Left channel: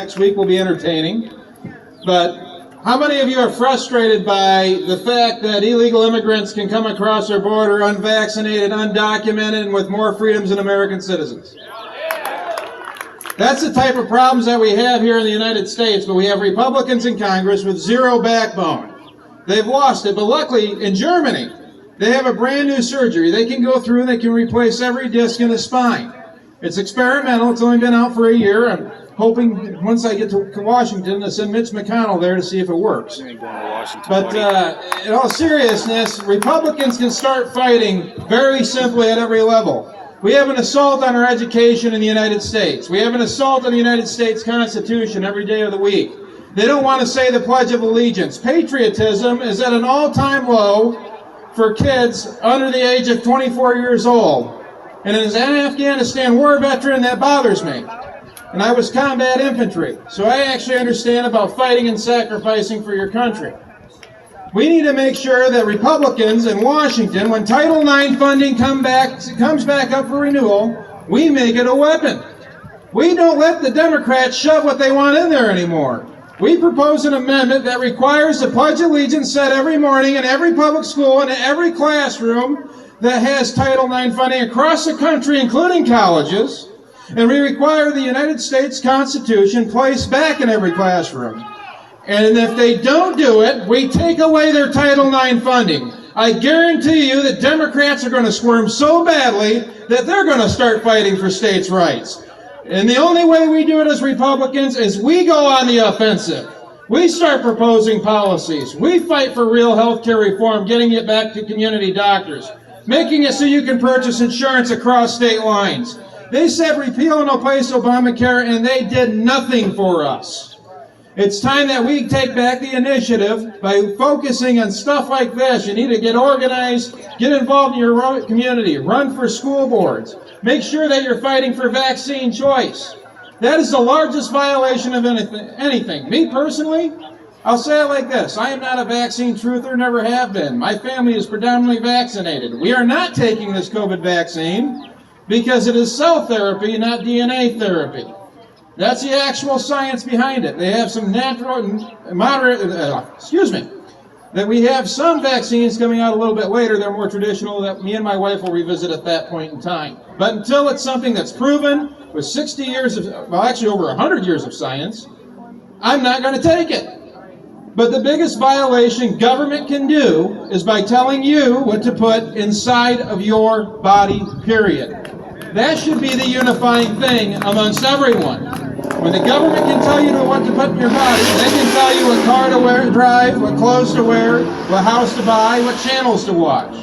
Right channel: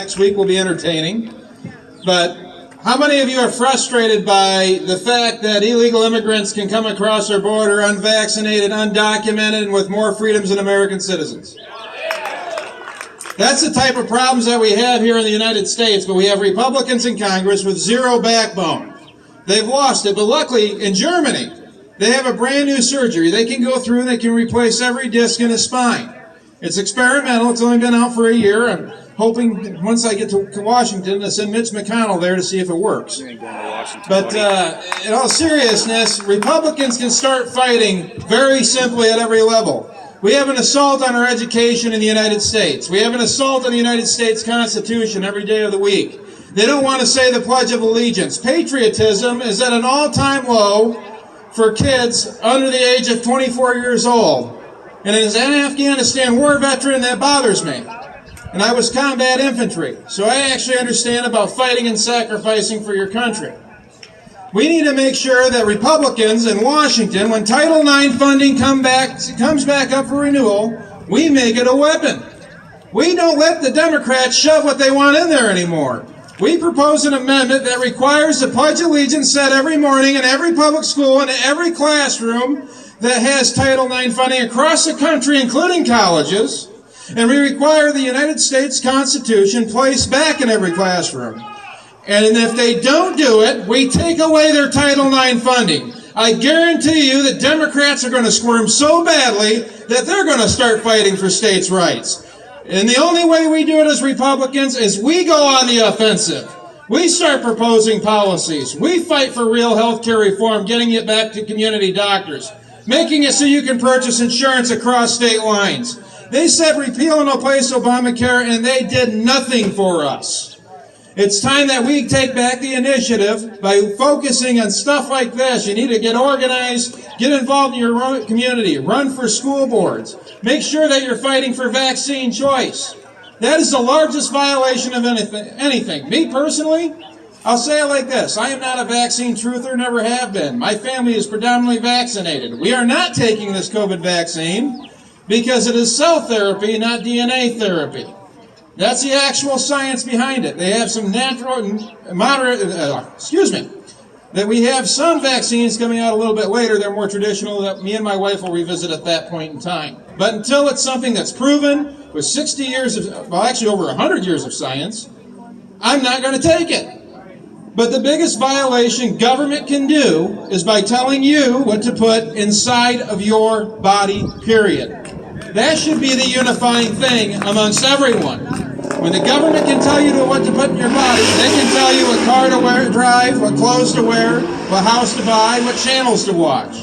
Next week will be entertaining, but how many of you are frustrated by the fact that illegal immigrants can come across our border unvaccinated, undocumented, and with more freedoms than American citizens? That's the type of problems that we have here in the United States, but we have Republicans in Congress with zero backbone. They've lost it, but luckily in Germany, they have a brand new surgery. They can go through and they can replace every disc in his spine. It's experimental. It's only been out for a year. I'm hoping once I get to Washington to send Mitch McConnell there to see if it works. You ain't going to Washington, but in all seriousness, Republicans can start fighting very simply at every level. We have an assault on our education in the United States. We have an assault on the United States Constitution every day of the week. They don't want to say the Pledge of Allegiance. Patriotism is at an all-time low for kids under the age of 24 years old. And as an Afghanistan war veteran, that bothers me. And I was combat infantry, so I actually understand about fighting and sacrificing for your country. We need to make sure that Republicans in Washington, when Title IX funding comes back up for renewal, we make it a weapon. We don't let the Democrats shove what they want in there anymore. We propose an amendment that requires the Pledge of Allegiance said every morning in every public school and in every classroom that has Title IX funding across the country, including colleges, and we require the United States Constitution placed back in every classroom. And if they don't do it, we take away their Title IX funding. I guarantee you that Democrats are going to squirm so badly that they're going to start fighting for states' rights. And the only way we do it as Republicans is we go on the offensive. We start proposing policies. We fight for real health care reform, getting it back to community doctors, making it so you can purchase insurance across state lines. They said repeal and replace Obamacare, and they did nothing for us. It's time that we take back the initiative by focusing on stuff like this. You need to get organized, get involved in your own community, run for school boards, make sure that you're fighting for vaccine choice. That is the largest violation of anything. Me personally, I'll say it like this. I am not a vaccine truther, never have been. My family is predominantly vaccinated. We are not taking this COVID vaccine because it is cell therapy, not DNA therapy. That's the actual science behind it. They have some natural and moderate, that we have some vaccines coming out a little bit later. They're more traditional that me and my wife will revisit at that point in time. But until it's something that's proven with 60 years of, well, actually over 100 years of science, I'm not going to take it. But the biggest violation government can do is by telling you what to put inside of your body, period. That should be the unifying thing amongst everyone. When the government can tell you what to put in your body, they can tell you what car to drive, what clothes to wear, what house to buy, what channels to watch.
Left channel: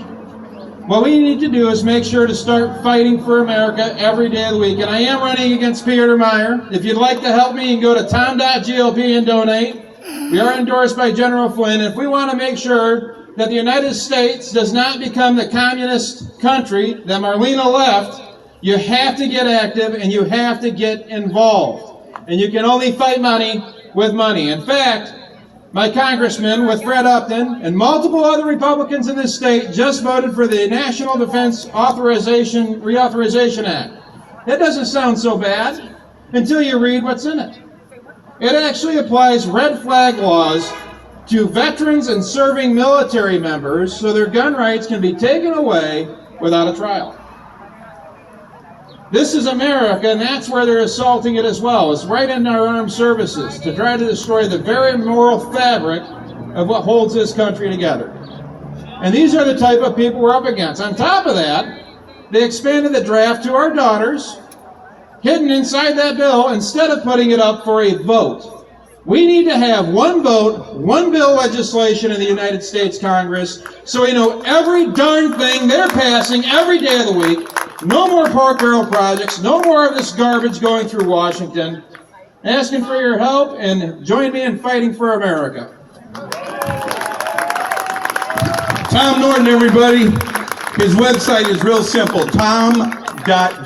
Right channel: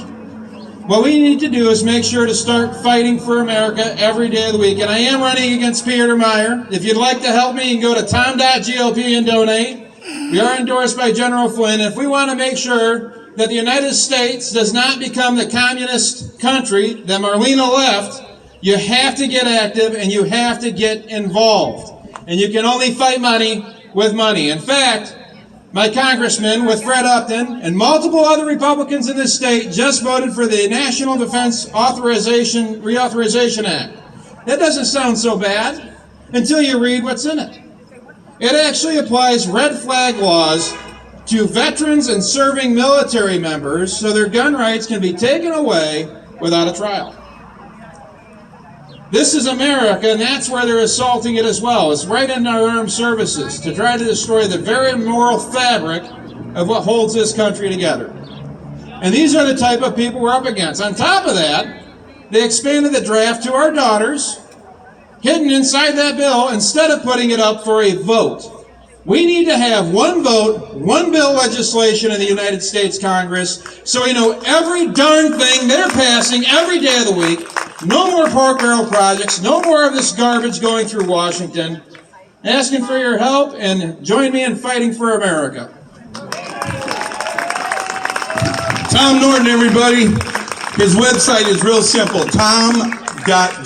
What we need to do is make sure to start fighting for America every day of the week. And I am running against Peter Meyer. If you'd like to help me, you can go to tom.gop and donate. We are endorsed by General Flynn. If we want to make sure that the United States does not become the communist country that Marlena left, you have to get active and you have to get involved. And you can only fight money with money. In fact, my congressman with Fred Upton and multiple other Republicans in this state just voted for the National Defense Reauthorization Act. That doesn't sound so bad until you read what's in it. It actually applies red flag laws to veterans and serving military members so their gun rights can be taken away without a trial. This is America, and that's where they're assaulting it as well. It's right in our armed services to try to destroy the very moral fabric of what holds this country together. And these are the type of people we're up against. On top of that, they expanded the draft to our daughters, hidden inside that bill, instead of putting it up for a vote. We need to have one vote, one bill legislation in the United States Congress so we know every darn thing they're passing every day of the week. No more pork barrel projects, no more of this garbage going through Washington. Asking for your help and join me in fighting for America. Tom Norton, everybody. His website is real simple, tom.gop.